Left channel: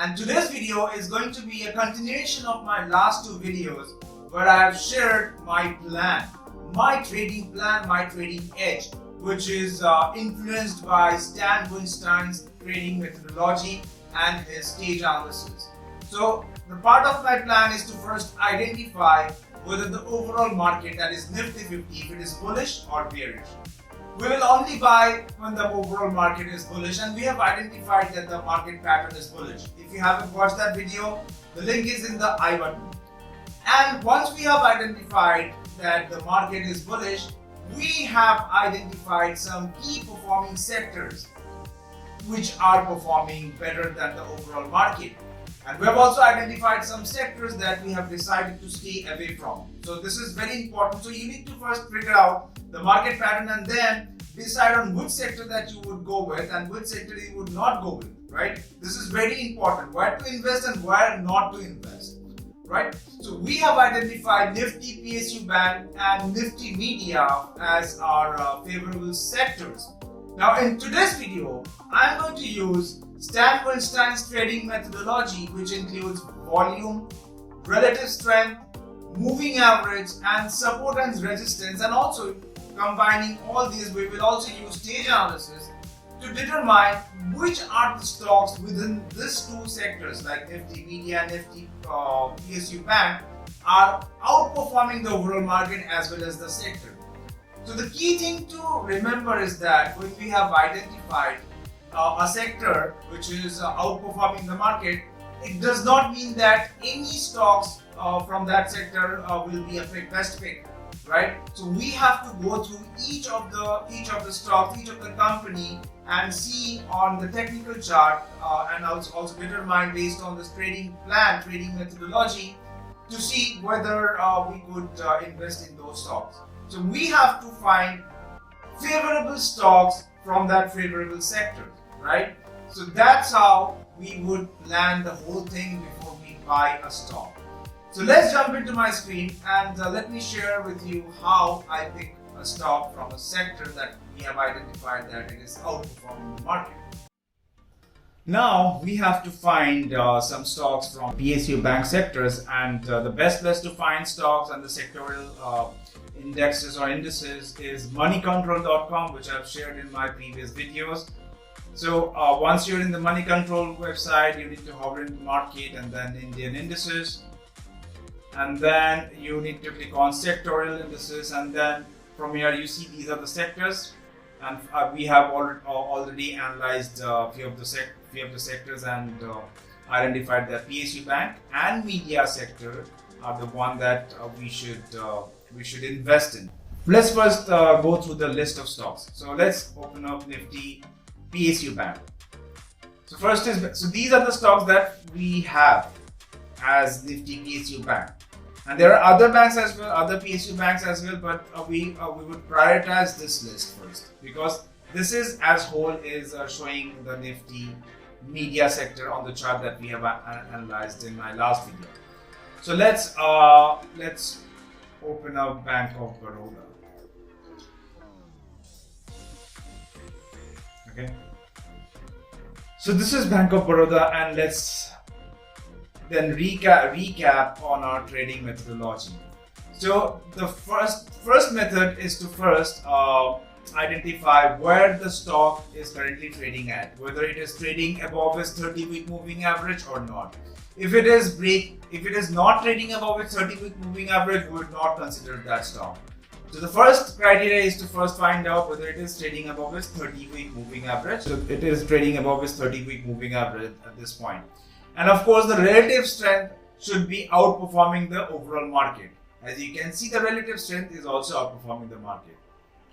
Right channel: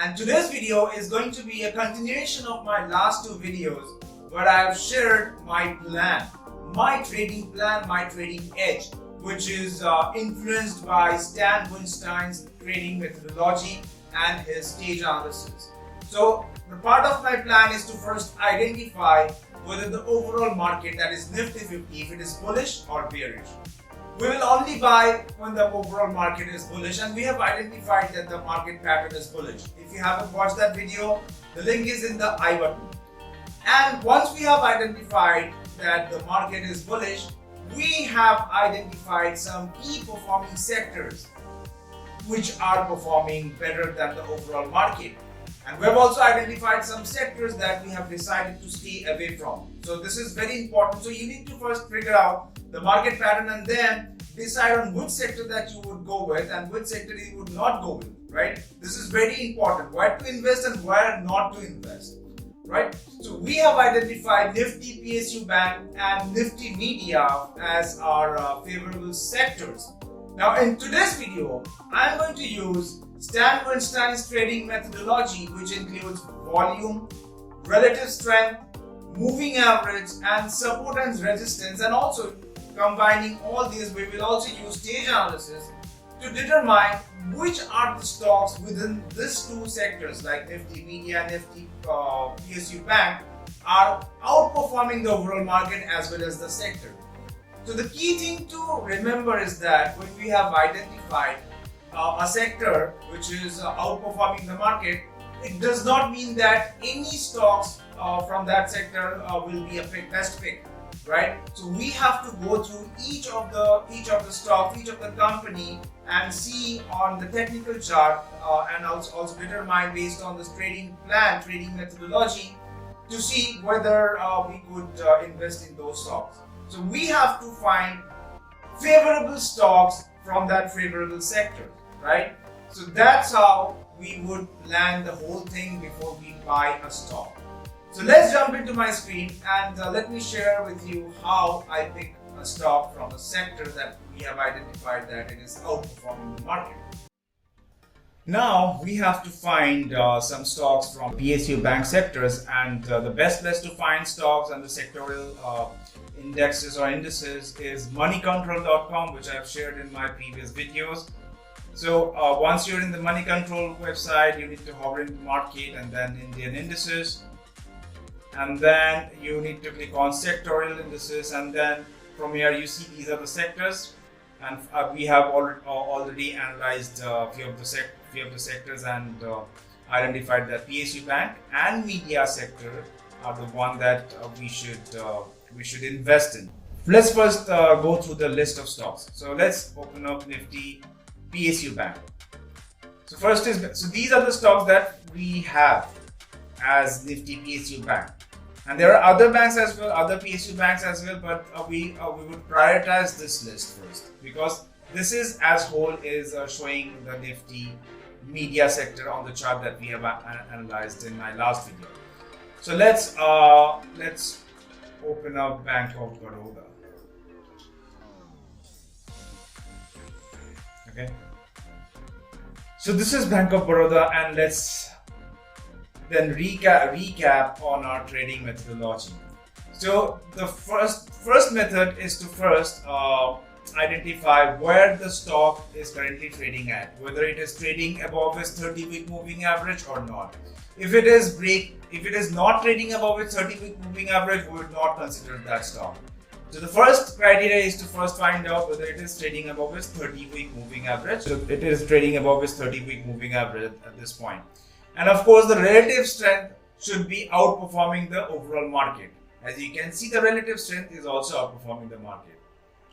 and today's video is going to be a continuation of my last two videos where I have shared my plan, my trading plan, my trading edge, which is influenced by Stan Weinstein's trading methodology and his stage analysis. So the part of my plan is to first identify whether the overall market, that is Nifty 50, if it is bullish or bearish. We will only buy when the overall market is bullish, and we have identified that the market pattern is bullish. If you haven't watched that video, the link is in the I button. And once we have identified that the market is bullish, we have identified some key performing sectors which are performing better than the overall market. And we have also identified some sectors that we have decided to stay away from. So this is very important. So you need to first figure out the market pattern and then decide on which sector that you would go with and which sector you would not go with, right? This is very important. Where to invest and where not to invest, right? So we have identified Nifty PSU Bank and Nifty Media as our favorable sectors. Now in today's video, I'm going to use Stan Weinstein's trading methodology, which includes volume, relative strength, moving average, and support and resistance, and also combining all these, we will also use stage analysis to determine which are the stocks within these two sectors like Nifty Media and Nifty PSU Bank are outperforming the overall market as well as the sector. So the key thing to remember is that when we have identified a sector which is outperforming the market, it does not mean that any stocks from that sector will be a best pick, right? So we have to go through each of the stocks, each of the company, and see on the technical chart and also determine based on this trading plan, trading methodology, to see whether we could invest in those stocks. So we have to find favorable stocks from that favorable sector, right? So that's how we would plan the whole thing before we buy a stock. So let's jump into my screen and let me share with you how I pick a stock from a sector that we have identified that it is outperforming the market. Now we have to find some stocks from PSU bank sectors, and the best place to find stocks and the sectoral indexes or indices is moneycontrol.com, which I've shared in my previous videos. So once you're in the Money Control website, you need to hover in market and then Indian indices, and then you need to click on sectorial indices, and then from here you see these are the sectors, and we have already analyzed a few of the sectors and identified that PSU Bank and Media sector are the one that we should invest in. Let's first go through the list of stocks. So let's open up Nifty PSU Bank. So these are the stocks that we have as Nifty PSU Bank, and there are other banks as well, other PSU banks as well, but we would prioritize this list first because this is as whole is showing the Nifty Media sector on the chart that we have analyzed in my last video. So let's open up Bank of Baroda. Okay, so this is Bank of Baroda, and let's then recap on our trading methodology. So the first method is to first identify where the stock is currently trading at, whether it is trading above its 30-week moving average or not. If it is not trading above its 30-week moving average, we would not consider that stock. So the first criteria is to first find out whether it is trading above its 30-week moving average. So it is trading above its 30-week moving average at this point. And of course, the relative strength should be outperforming the overall market. As you can see, the relative strength is also outperforming the market.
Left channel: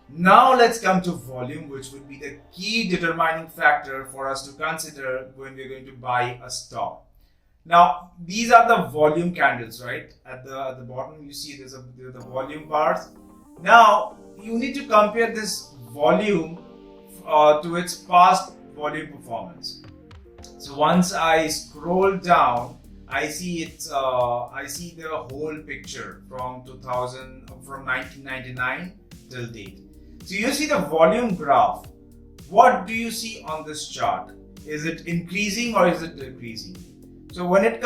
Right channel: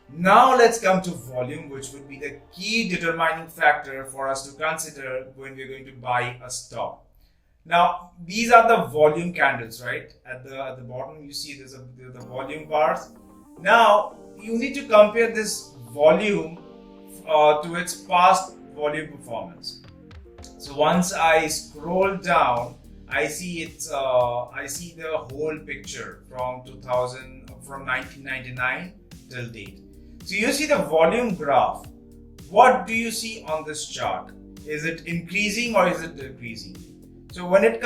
Now let's come to volume, which would be the key determining factor for us to consider when we're going to buy a stock. Now these are the volume candles, right? At the bottom you see there's the volume bars. Now you need to compare this volume to its past volume performance. So once I scroll down, I see the whole picture from 1999 till date. So you see the volume graph. What do you see on this chart? Is it increasing or is it decreasing? So when it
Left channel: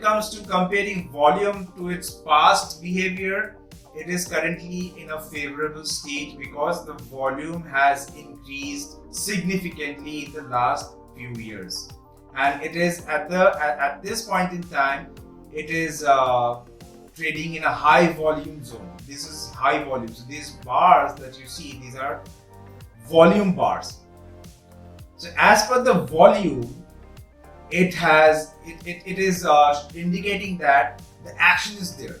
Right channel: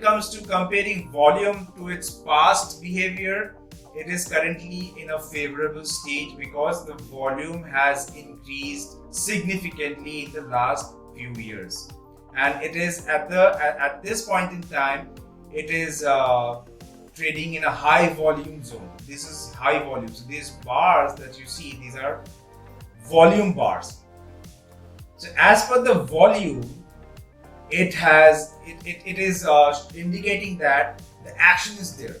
comes to comparing volume to its past behavior, it is currently in a favorable stage because the volume has increased significantly in the last few years, and it is at this point in time, it is trading in a high volume zone. This is high volume. So these bars that you see, these are volume bars. So as per the volume, it is indicating that the action is there,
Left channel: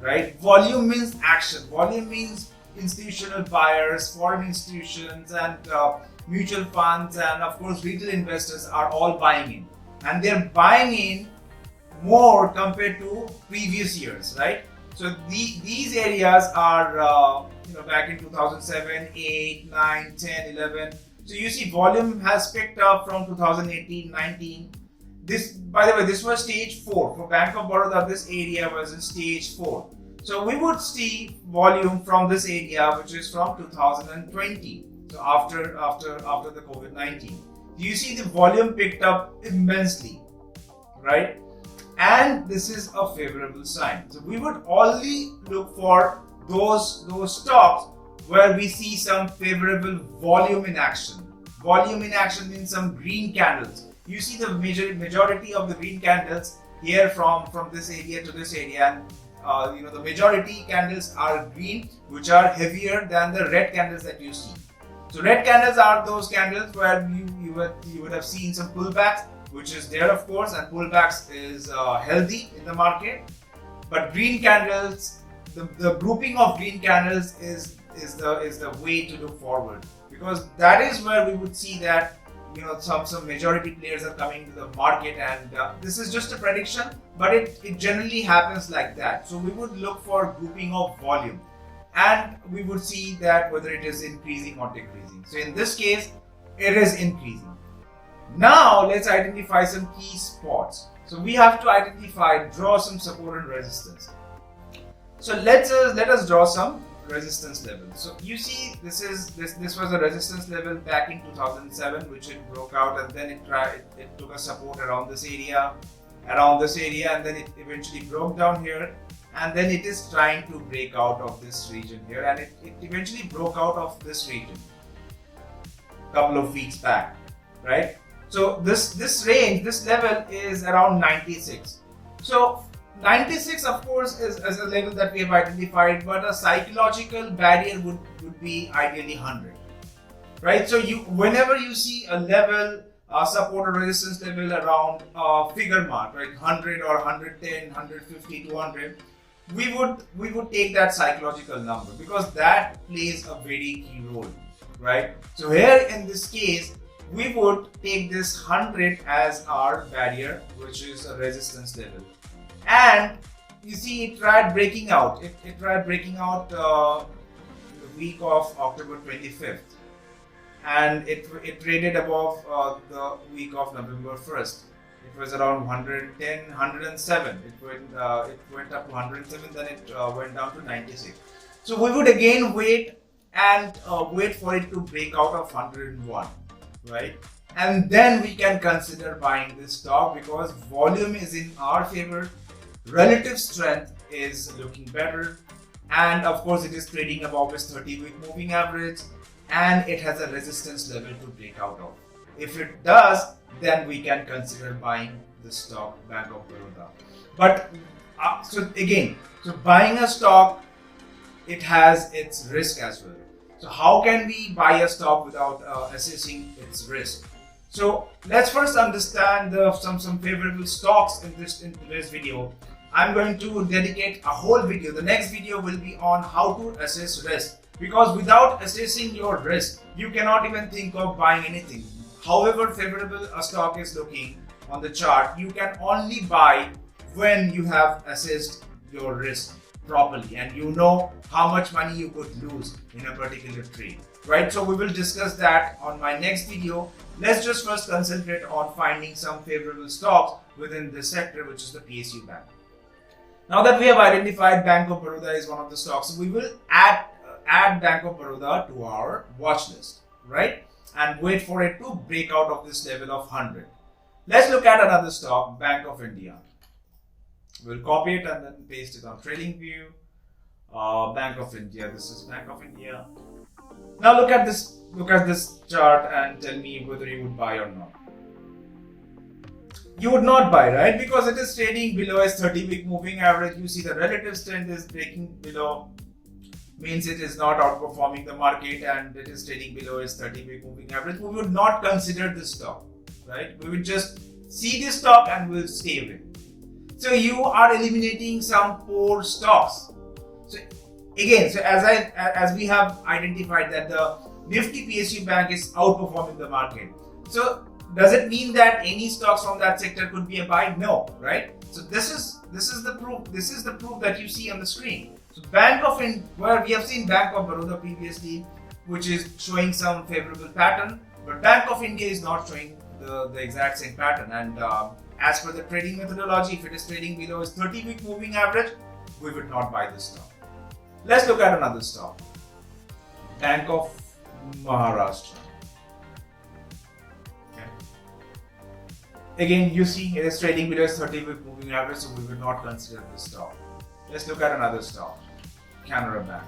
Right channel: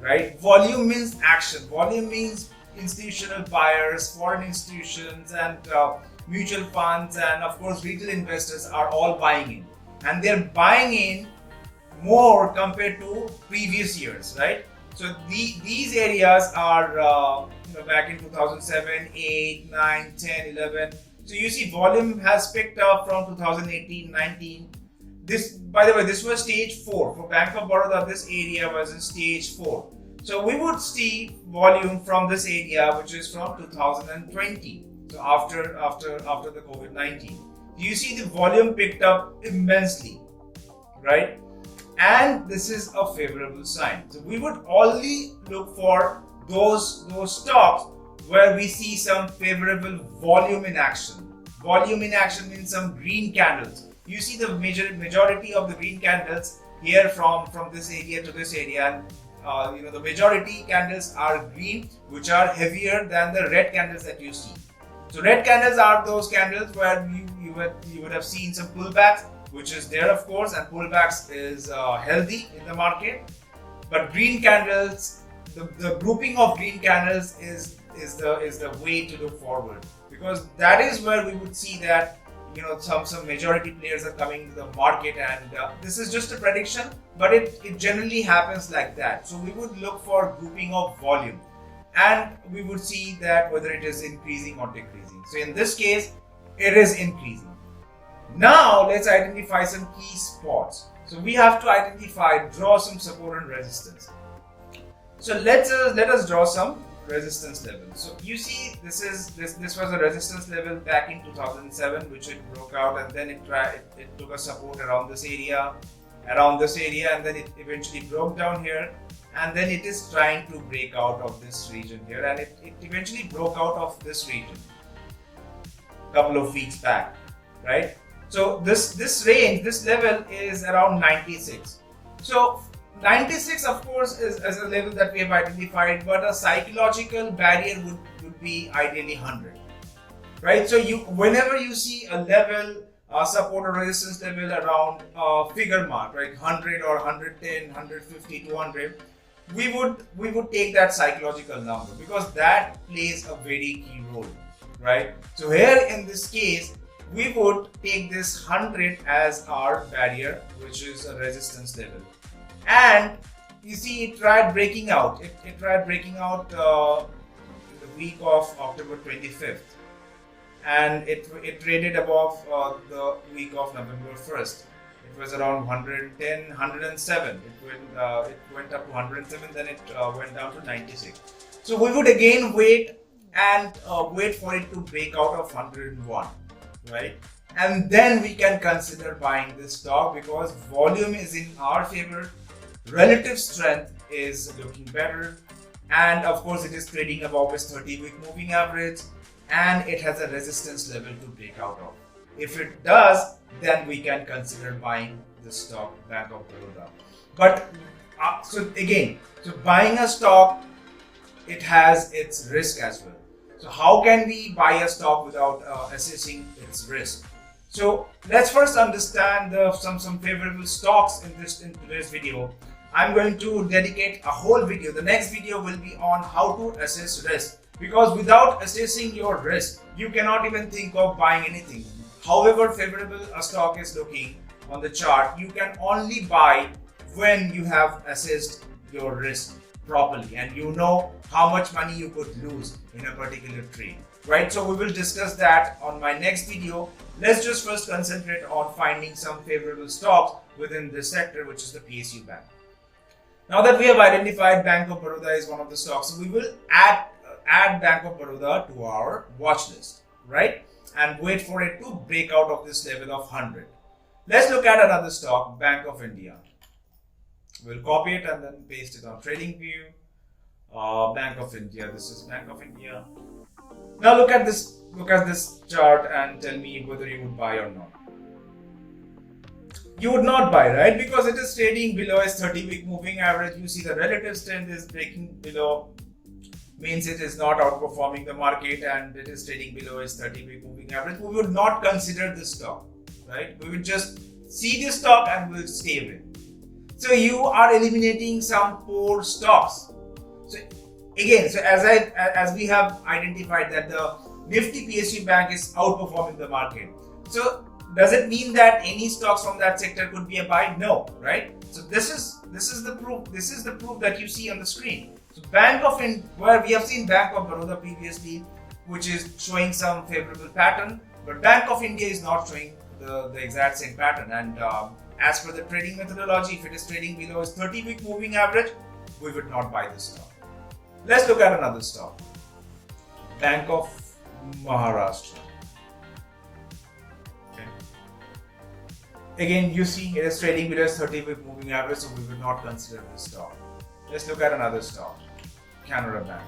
right? Volume means action. Volume means institutional buyers, foreign institutions, and mutual funds, and of course retail investors are all buying in, and they're buying in more compared to previous years, right? So these areas are back in 2007, 8, 9, 10, 11. So you see volume has picked up from 2018, 19. This, by the way, this was stage 4. For Bank of Baroda, this area was in stage 4. So we would see volume from this area, which is from 2020. So after the COVID-19. You see the volume picked up immensely, right? And this is a favorable sign. So we would only look for those stocks where we see some favorable volume in action. Volume in action means some green candles. You see the majority of the green candles here from this area to this area, and the majority candles are green, which are heavier than the red candles that you see. So red candles are those candles where you would have seen some pullbacks, which is there of course, and pullbacks is healthy in the market. But green candles, the grouping of green candles is the way to look forward, because that is where we would see that some majority players are coming to the market, and this is just a prediction, but it generally happens like that. So we would look for grouping of volume, and we would see that whether it is increasing or decreasing. So in this case, it is increasing. Now let's identify some key spots. So we have to draw some support and resistance. So let us draw some resistance level. So you see this was a resistance level back in 2007, which it broke out, and then it took a support around this area, and then it eventually broke down here, and then it is trying to break out of this region here, and it eventually broke out of this region a couple of weeks back, right? So this range, this level is around 96. So 96 of course is a level that we have identified, but a psychological barrier would be ideally 100, right? So whenever you see a level, support or resistance level around figure mark, right, 100 or 110, 150, 200, we would take that psychological number, because that plays a very key role, right? So here in this case, we would take this 100 as our barrier, which is a resistance level. And you see it tried breaking out. It tried breaking out in the week of October 25th. And it traded above the week of November 1st. It was around 110, 107. It went up to 107, then it went down to 96. So we would again wait for it to break out of 101. Right, and then we can consider buying this stock, because volume is in our favor, relative strength is looking better, and of course it is trading above its 30-week moving average, and it has a resistance level to break out of. If it does, then we can consider buying the stock Bank of Baroda. But so buying a stock, it has its risk as well. So how can we buy a stock without assessing its risk? So let's first understand some favorable stocks in today's video. I'm going to dedicate a whole video. The next video will be on how to assess risk, because without assessing your risk, you cannot even think of buying anything. However favorable a stock is looking on the chart, you can only buy when you have assessed your risk properly and you know how much money you could lose in a particular trade, right? So we will discuss that on my next video. Let's just first concentrate on finding some favorable stocks within this sector, which is the PSU bank. Now that we have identified Bank of Baroda is one of the stocks, so we will add Bank of Baroda to our watch list, right? And wait for it to break out of this level of 100. Let's look at another stock, Bank of India. We'll copy it and then paste it on Trading View. Bank of India. This is Bank of India. Now look at this. Look at this chart and tell me whether you would buy or not. You would not buy, right? Because it is trading below its 30-week moving average. You see the relative strength is breaking below, means it is not outperforming the market, and it is trading below its 30-week moving average. We would not consider this stock, right? We would just see this stock and we'll stay with. So you are eliminating some poor stocks. So again, as we have identified that the NIFTY PSU bank is outperforming the market. So does it mean that any stocks from that sector could be a buy? No, right? So this is the proof. This is the proof that you see on the screen. So Bank of India, where we have seen Bank of Baroda previously, which is showing some favorable pattern, but Bank of India is not showing the exact same pattern. And as per the trading methodology, if it is trading below its 30-week moving average, we would not buy this stock. Let's look at another stock, Bank of Maharashtra. Okay. Again, you see it is trading below its 30-week moving average, so we will not consider this stock. Let's look at another stock, Canara Bank.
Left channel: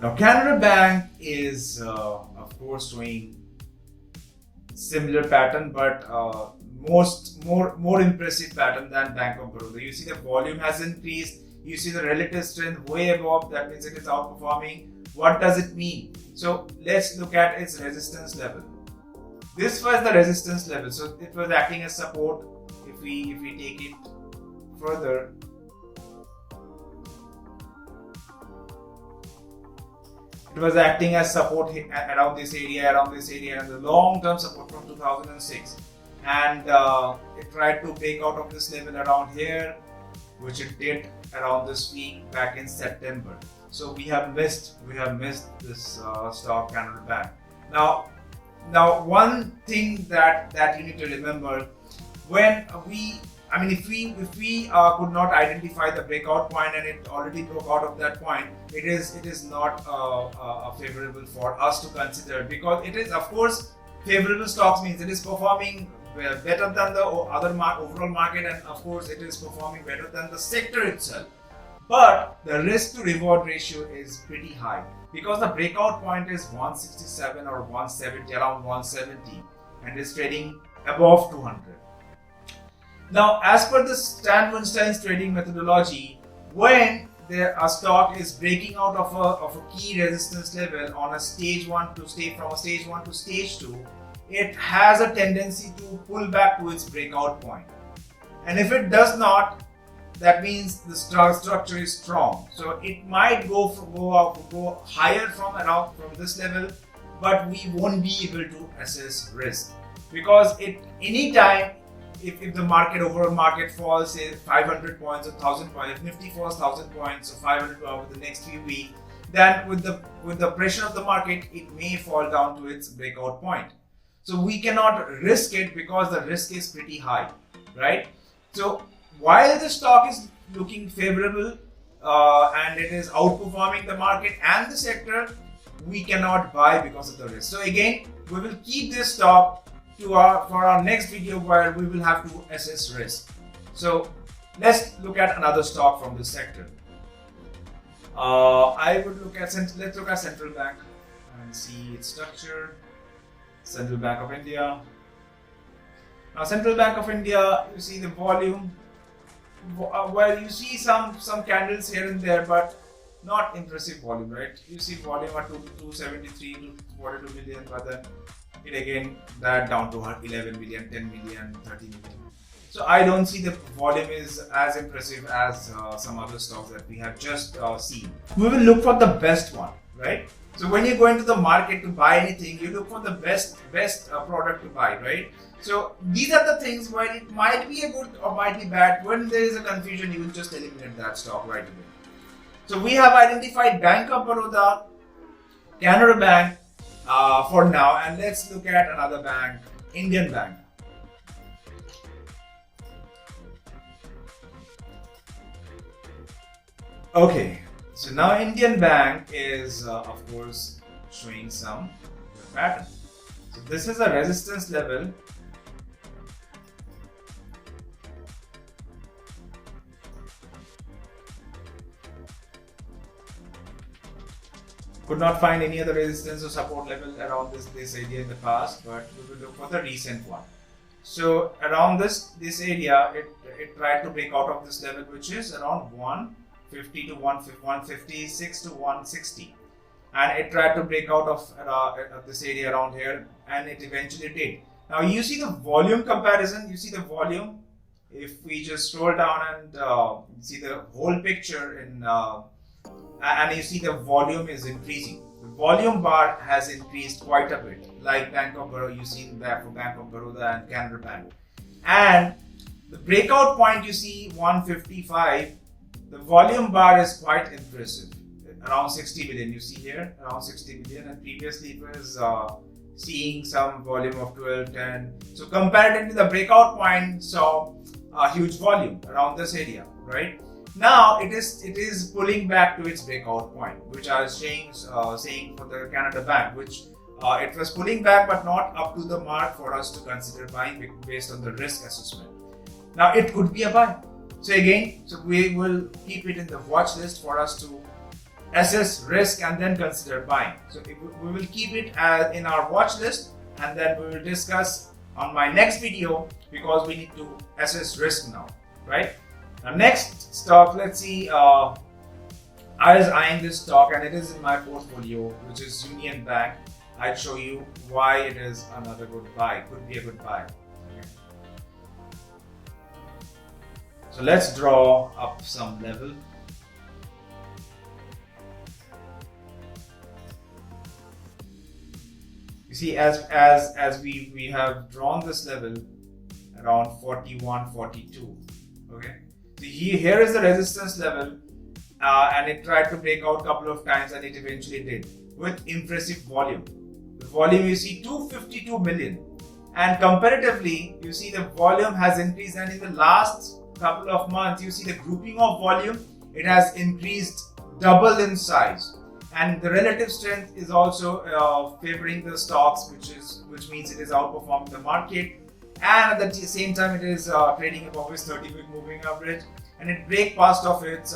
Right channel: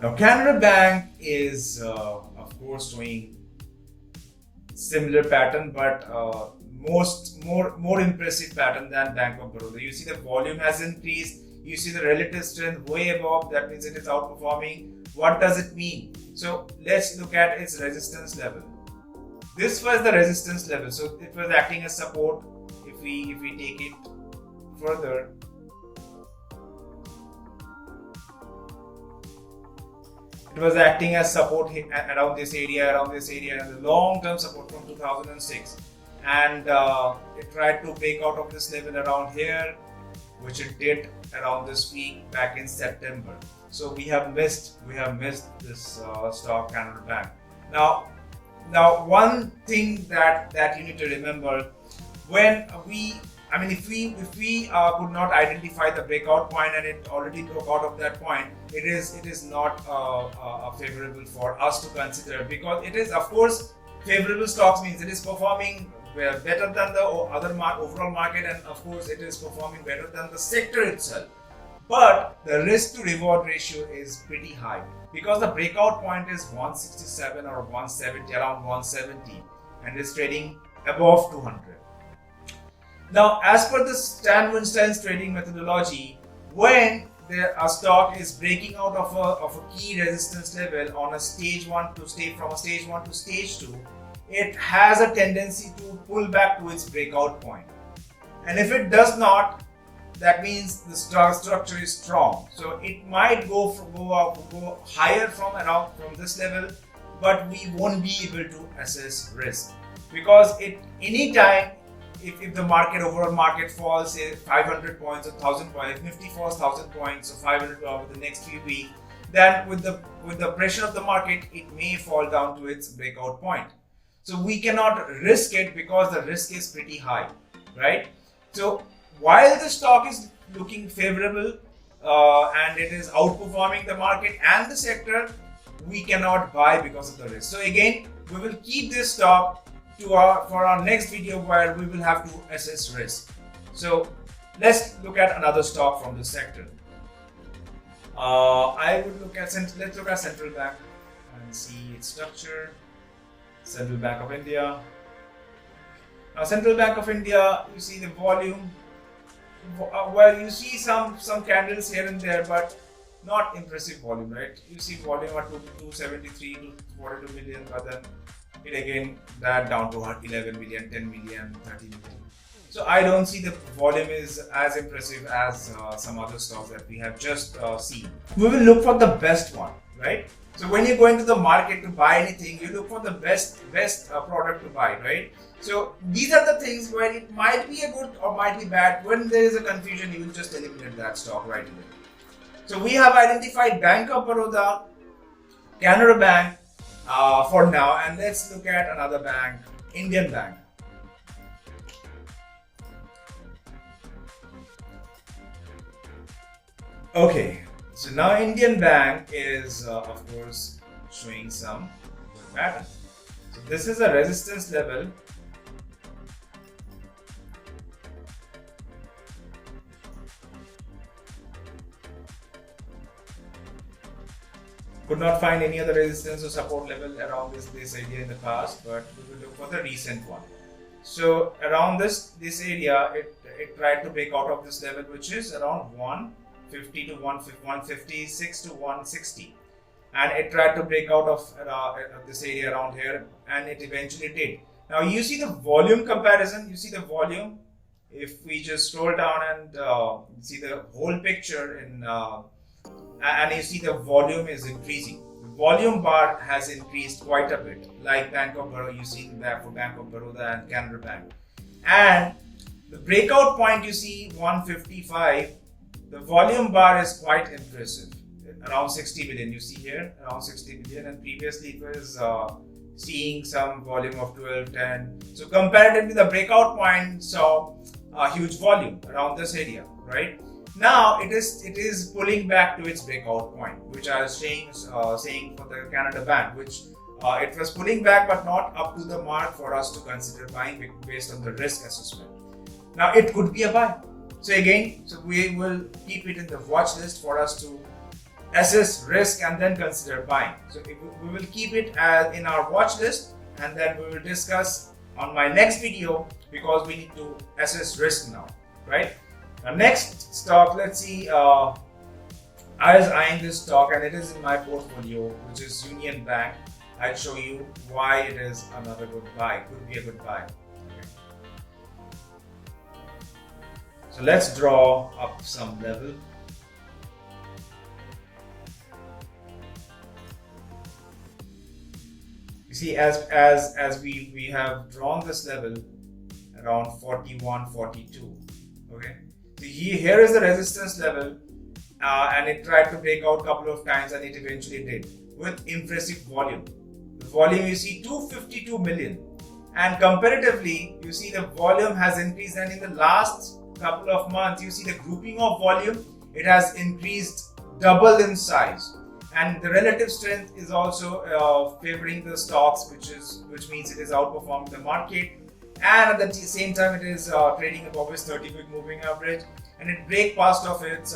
Now, Canara Bank is, of course, showing similar pattern, but more impressive pattern than Bank of Baroda. You see the volume has increased. You see the relative strength way above. That means it is outperforming. What does it mean? So let's look at its resistance level. This was the resistance level. So it was acting as support. If we take it further, it was acting as support around this area, and the long-term support from 2006. And it tried to break out of this level around here, which it did around this week back in September. So we have missed this stock, Canara Bank. Now one thing that you need to remember, if we could not identify the breakout point and it already broke out of that point, it is not favorable for us to consider, because it is, of course, favorable stocks means it is performing better than the other overall market, and of course it is performing better than the sector itself. But the risk to reward ratio is pretty high, because the breakout point is 167 or 170, around 170, and is trading above 200. Now, as per the Weinstein's trading methodology, when a stock is breaking out of a key resistance level on a stage 1 to from a stage 1 to stage 2, it has a tendency to pull back to its breakout point. And if it does not, that means the structure is strong. So it might go higher from this level, but we won't be able to assess risk, because anytime if the overall market falls, say 500 points or 1000 points, if Nifty falls 1000 points or 500 over the next few weeks, then with the pressure of the market, it may fall down to its breakout point. So we cannot risk it, because the risk is pretty high, right? So while the stock is looking favorable and it is outperforming the market and the sector, we cannot buy because of the risk. So again, we will keep this stock for our next video, where we will have to assess risk. So let's look at another stock from this sector. Let's look at Central Bank and see its structure. Central Bank of India. Now, Central Bank of India, you see the volume. Well, you see some candles here and there, but not impressive volume, right? You see volume at 273 to 42 million, but then it again died down to 11 million, 10 million, 30 million. So I don't see the volume is as impressive as some other stocks that we have just seen. We will look for the best one, right? So when you go into the market to buy anything, you look for the best product to buy, right? So these are the things where it might be a good or might be bad. When there is a confusion, you will just eliminate that stock right away. So we have identified Bank of Baroda, Canara Bank for now, and let's look at another bank, Indian Bank. Okay, so now Indian Bank is of course showing some good pattern. So this is a resistance level. Could not find any other resistance or support level around this area in the past, but we will look for the recent one. So around this area, it tried to break out of this level, which is around 150 to 156 to 160, and it tried to break out of this area around here, and it eventually did. Now you see the volume comparison. You see the volume. If we just scroll down and see the whole picture in. And you see the volume is increasing. The volume bar has increased quite a bit, like Bank of Baroda. You see that for Bank of Baroda and Canara Bank. And the breakout point you see 155. The volume bar is quite impressive, around 60 billion. You see here around 60 billion, and previously it was seeing some volume of 12, 10. So comparatively, the breakout point saw a huge volume around this area, right? Now it is pulling back to its breakout point, which I was saying for the Canada Bank, which it was pulling back but not up to the mark for us to consider buying based on the risk assessment. Now it could be a buy. So again, we will keep it in the watch list for us to assess risk and then consider buying. So we will keep it in our watch list, and then we will discuss on my next video, because we need to assess risk now, right? Now next stock, let's see, I was eyeing this stock and it is in my portfolio, which is Union Bank. I'd show you why it is another good buy, could be a good buy. Okay. So let's draw up some level. You see, as we have drawn this level around 41, 42, okay. So here is the resistance level, and it tried to break out a couple of times, and it eventually did with impressive volume. The volume you see 252 million, and comparatively you see the volume has increased, and in the last couple of months you see the grouping of volume, it has increased double in size, and the relative strength is also favoring the stocks, which means it is outperforming the market. And at the same time, it is trading above its 30-week moving average, and it break past of its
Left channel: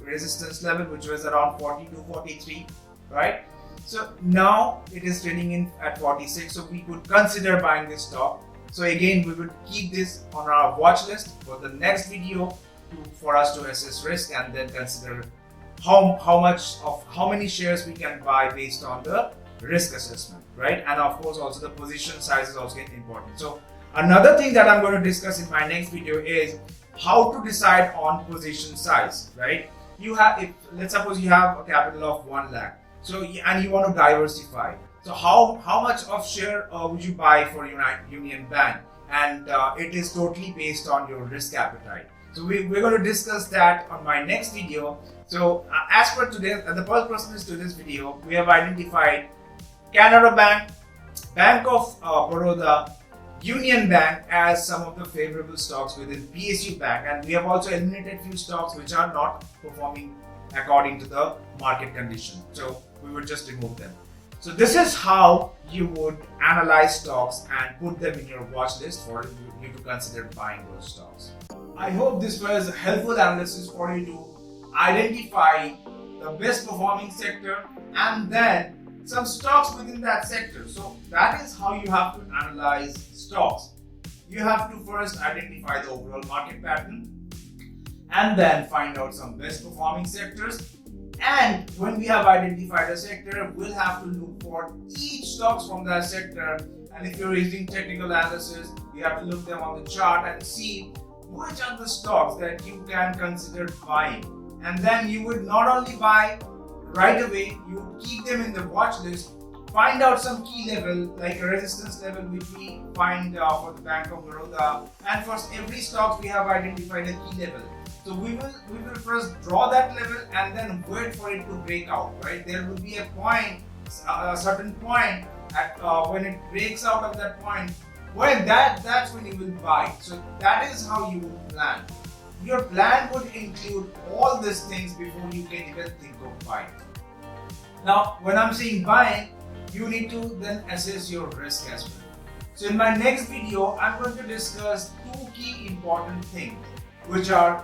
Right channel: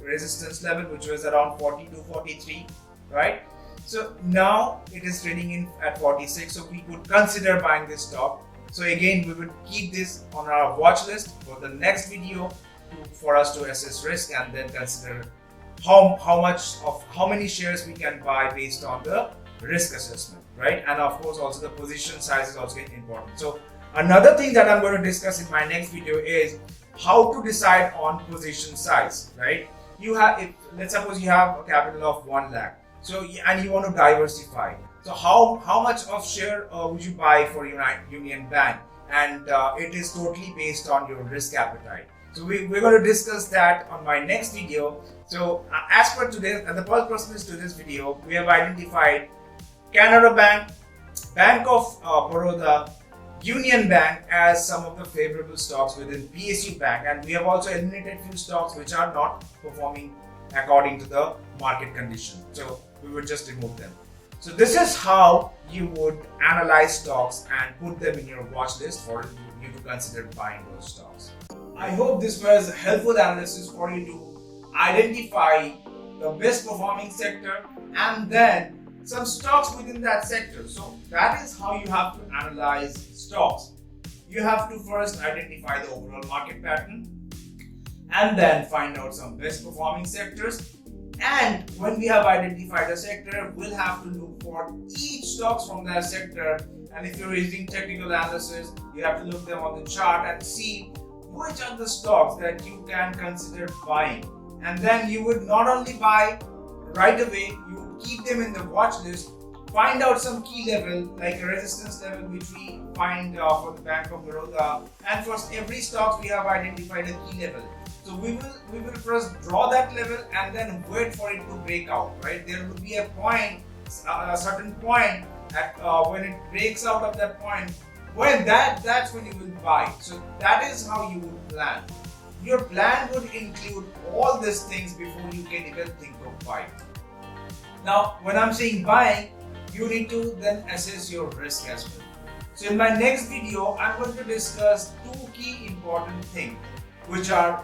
resistance level, which was around 42, 43, right? So now it is trading in at 46, so we could consider buying this stock. So again, we will keep this on our watch list for the next video for us to assess risk and then consider how many shares we can buy based on the risk assessment, right? And of course, also the position size is also important. So another thing that I'm going to discuss in my next video is how to decide on position size, right? Let's suppose you have a capital of 1 lakh, so and you want to diversify. So how much of share would you buy for Union Bank? And it is totally based on your risk appetite. So we're going to discuss that on my next video. So as per today, the purpose to this video, we have identified Canara Bank, Bank of Baroda, Union Bank as some of the favorable stocks within PSU Bank, and we have also eliminated few stocks which are not performing according to the market condition. So we would just remove them. So this is how you would analyze stocks and put them in your watch list for you to consider buying those stocks. I hope this was a helpful analysis for you to identify the best performing sector and then some stocks within that sector. So that is how you have to analyze stocks. You have to first identify the overall market pattern and then find out some best performing sectors. And when we have identified a sector, we'll have to look for each stocks from that sector. And if you're using technical analysis, you have to look them on the chart and see which are the stocks that you can consider buying. And then you would not only buy right away, you would keep them in the watch list, find out some key level like a resistance level which we find for the Bank of Baroda, and for every stock we have identified a key level. So we will first draw that level and then wait for it to break out, right? There will be a point, a certain point at when it breaks out of that point, when that's when you will buy. So that is how you would plan. Your plan would include all these things before you can even think of buying. Now, when I'm saying buying, you need to then assess your risk as well. So in my next video, I'm going to discuss two key important things, which are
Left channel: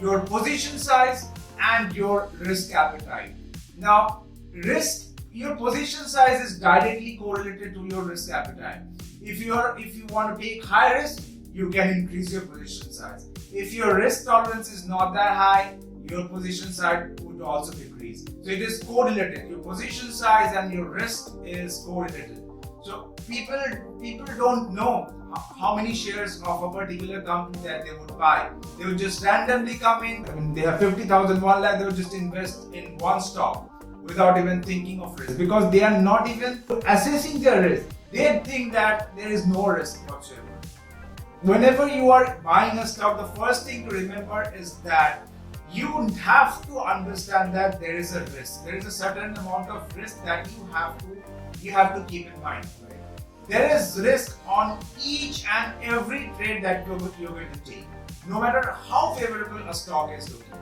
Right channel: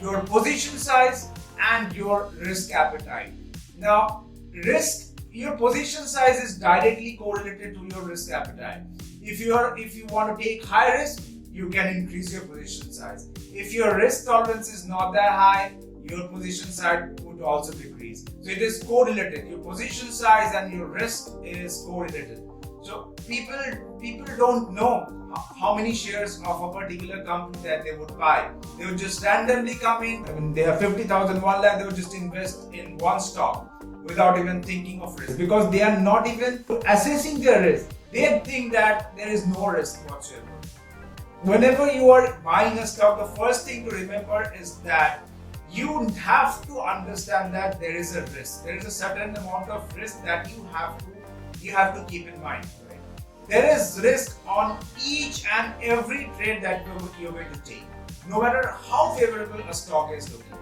your position size and your risk appetite. Now, your position size is directly correlated to your risk appetite. If you want to take high risk, you can increase your position size. If your risk tolerance is not that high, your position size would also decrease. So it is correlated. Your position size and your risk is correlated. So people don't know how many shares of a particular company that they would buy. They would just randomly come in. I mean, they have 50,000, 1 lakh, they would just invest in one stock without even thinking of risk, because they are not even assessing their risk. They think that there is no risk whatsoever. Whenever you are buying a stock, the first thing to remember is that you have to understand that there is a risk. There is a certain amount of risk that you have to keep in mind. Right? There is risk on each and every trade that you're going to take, no matter how favorable a stock is looking.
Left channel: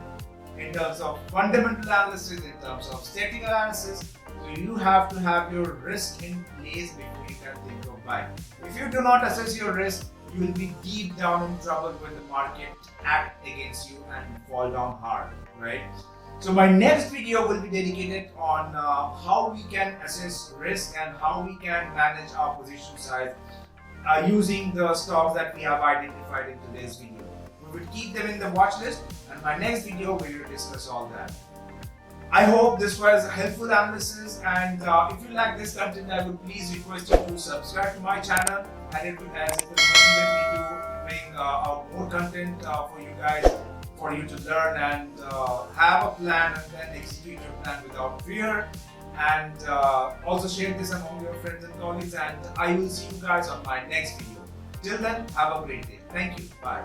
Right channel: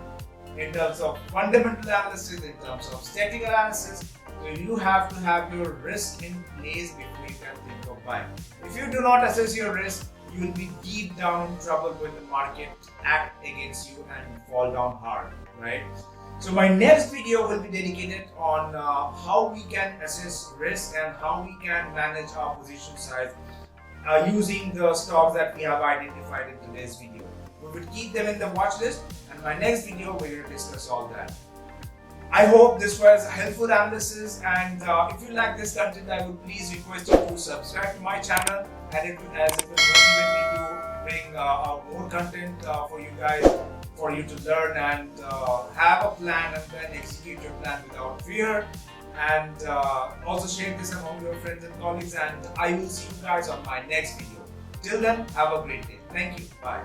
In terms of fundamental analysis, in terms of technical analysis, so you have to have your risk in place before you can think of buying. If you do not assess your risk, you will be deep down in trouble when the market act against you and fall down hard, right? So my next video will be dedicated on how we can assess risk and how we can manage our position size using the stocks that we have identified in today's video. We will keep them in the watch list, and my next video we will discuss all that. I hope this was a helpful analysis, and if you like this content, I would please request you to subscribe to my channel, and it will motivate me to bring out more content for you guys, for you to learn and have a plan and then execute your plan without fear. And also share this among your friends and colleagues, and I will see you guys on my next video. Till then, have a great day. Thank you. Bye.